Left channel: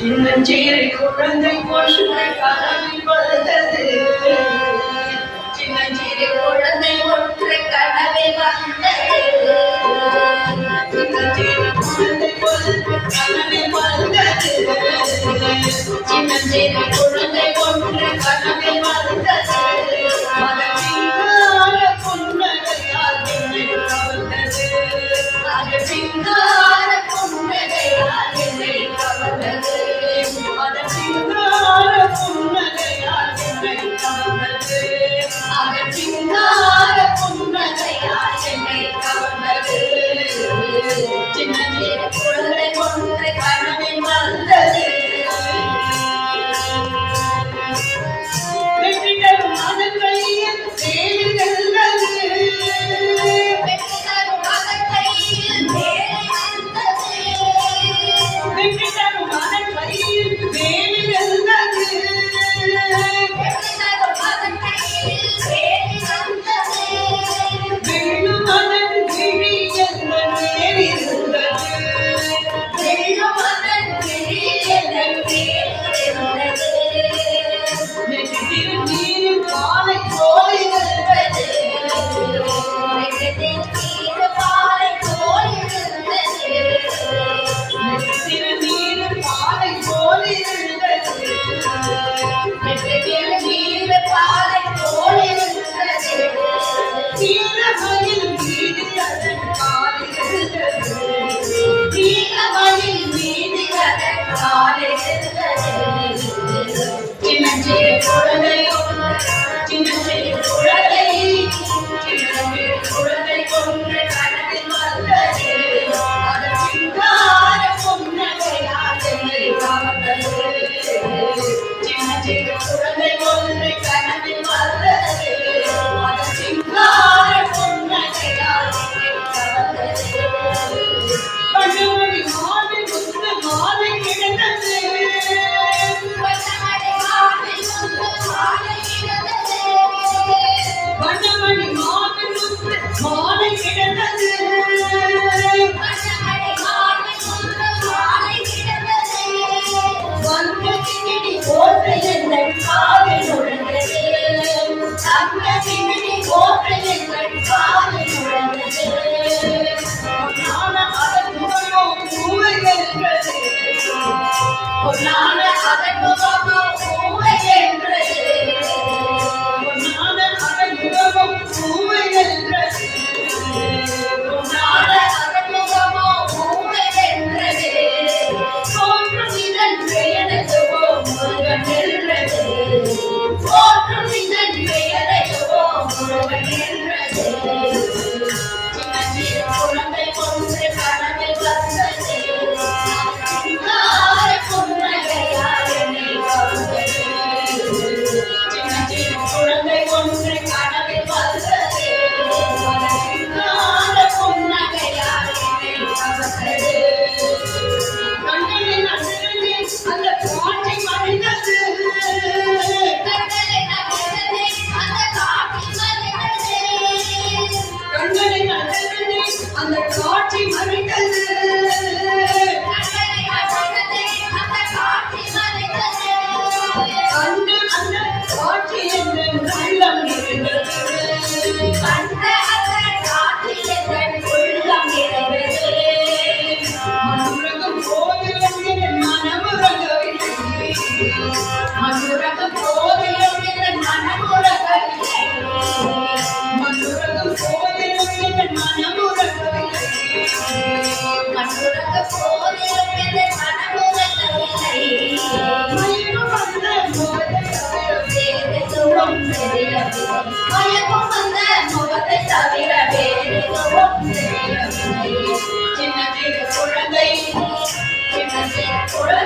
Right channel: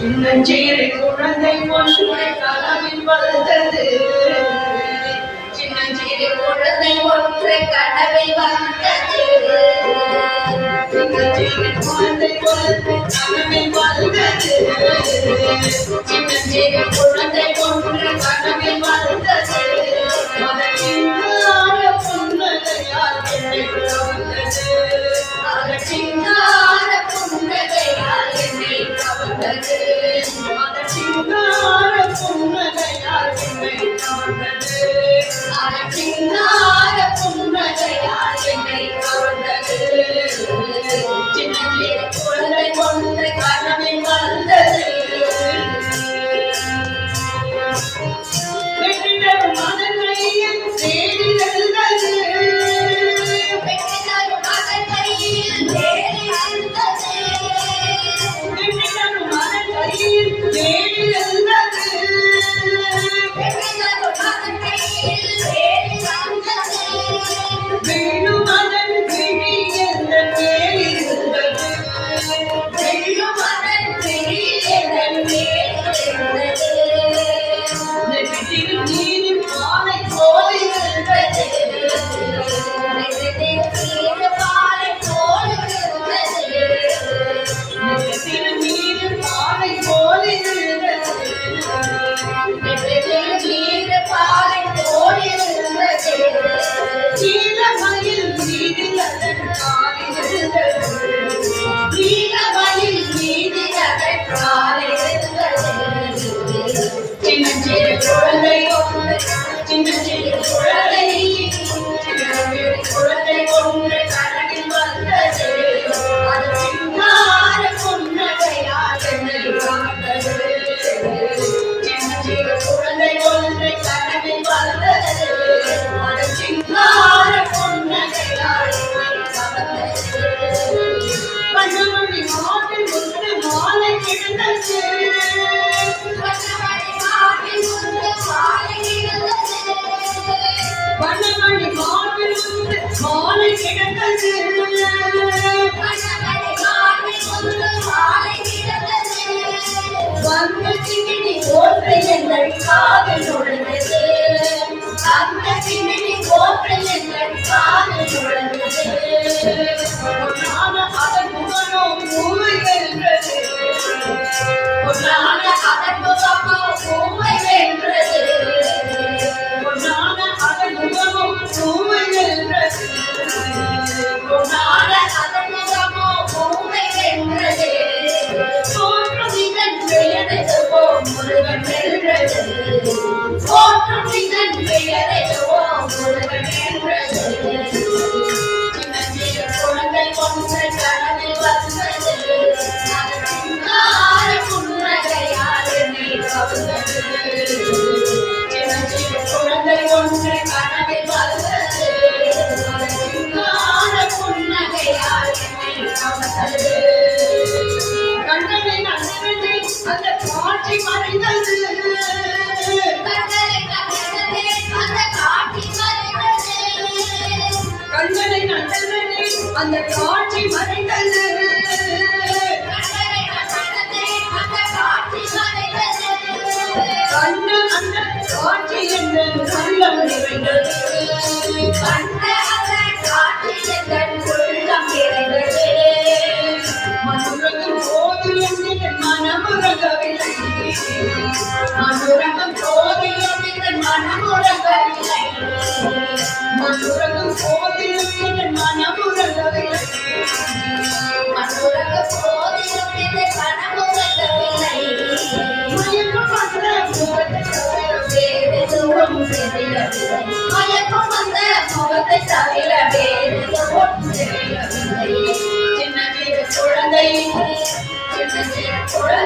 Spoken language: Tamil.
சின்னஞ்சிறு குழந்தை ஒன்று கனவில் வந்தது. சின்னஞ்சிறு குழந்தை ஒன்று கனவில் வந்தது. சின்னஞ்சிறு குழந்தை ஒன்று கனவில் வந்தது. சின்னஞ்சிறு குழந்தை ஒன்று கனவில் வந்தது. மனதினார புன்னகையால் என்னை கவர்ந்தது. அதற்கான புன்னகையால் என்னை கவர்ந்தது. மனதினார புன்னகையால் என்னை கவர்ந்தது. அதற்கான புன்னகையால் என்னை கவர்ந்தது. சின்னஞ்சிறு குழந்தை ஒன்று கனவில் வந்தது. வெற்றிடரும் மனங்களில் தேடி செல்வது. வெற்றிடரும் மகன் கையில் தேடி வந்தது. வெற்றிடரும் மனங்களில் தேடி செல்வது. வெற்றிடரும் மகன் கையில் தேடி வந்தது. வெள்ளும் மனன் விழி என்ற மேலிருந்தது. வெள்ளும் மகன் விழி என் மேலிருந்தது. நெற்றியில் நீரில் பாலை போல இருந்தது. நெற்றியில் நீர் பாலை போல் இருந்தது. நெற்றியில் நீரில் பாலை போல இருந்தது. நெற்றியில் நீர் பாலை போல் இருந்தது. நீலமயில் மீது அதன் காலில் இருந்தது. நீலமயில் மீது அதன் காலில் இருந்தது. சின்னஞ்சிறு குழந்தை ஒன்று சின்னஞ்சிறு குழந்தை சின்னஞ்சிறு குழந்தை ஒன்று கனவில் வந்தது. அதன் சிங்கார புன்னகையால் என்னை கவர்ந்தது. சின்னஞ்சிறு குழந்தை ஒன்று கனவில் வந்தது. அதன் சிங்கார புன்னகையால் என்னை கவர்ந்தது. பஞ்சமணி மாலை முத்து மாலை கிடந்தது. வண்ணமணி மார்பில் முத்து மாலை கிடந்தது. வண்ணமணி மாலை முத்து மாலை கிடந்தது. வண்ணமணி மார்பில் முத்து மாலை கிடந்தது. வந்த சிங்கினி போற்று எங்கள் காதில் நுழைந்தது. அந்த சின்னி போற்று எங்கள் காதில் நுழைந்தது. பொன்னான அதன் முகமோ பூவை வென்றது. பொன்னான அதன் முகமோ பூவை வென்றது. பொன்னான அதன் முகமோ பூவை வென்றது. பொன்னான அதன் முகமோ பூவை வென்றது. தோன்றும் இதன் பெயரையோ முருகன் வென்றது. தோன்றும் இதன் பெயரையோ முருகன் வென்றது. சின்னஞ்சிறு குழந்தை ஒன்று கனவில் வந்தது. அதற்கான புன்னகையால் என்னை கவர்ந்தது. சின்னஞ்சிறு குழந்தை ஒன்று கனவில் வந்தது. அதற்கான புன்னகையால் என்னை கவர்ந்தது. கண்களை நன்றி அந்த காட்சி மறைந்தது. கண்களை நகர்ந்ததே அந்த காட்சி மறைந்தது. கண்களை நன்றி அந்த காட்சி மறைந்தது. கண்களை நகர்ந்ததே அந்த காட்சி மறைந்தது. கண்டு அந்த காட்சி என்ற உள்ளம் நிறைந்தது. கண்ட அந்த காட்சி என் உள்ளம் நிறைந்தது. மனுரகம் போதிலும் என் மனமுறகவில்லை. மனுரகம் போதிலும் என் மனமுறகவில்லை. மனுரகம் போதிலும் என் மனமுறகவில்லை. மனுரகம் போதிலும் என் மனமுறகவில்லை. மயக்கம் வந்த முகத்தை தவிர வேறு தூரம் தெரியவில்லை. மயக்கம் வந்த முகத்தை தவிர வேறு தூரம் தெரியவில்லை. சின்னஞ்சிறு குழந்தை சின்னஞ்சிறு குழந்தை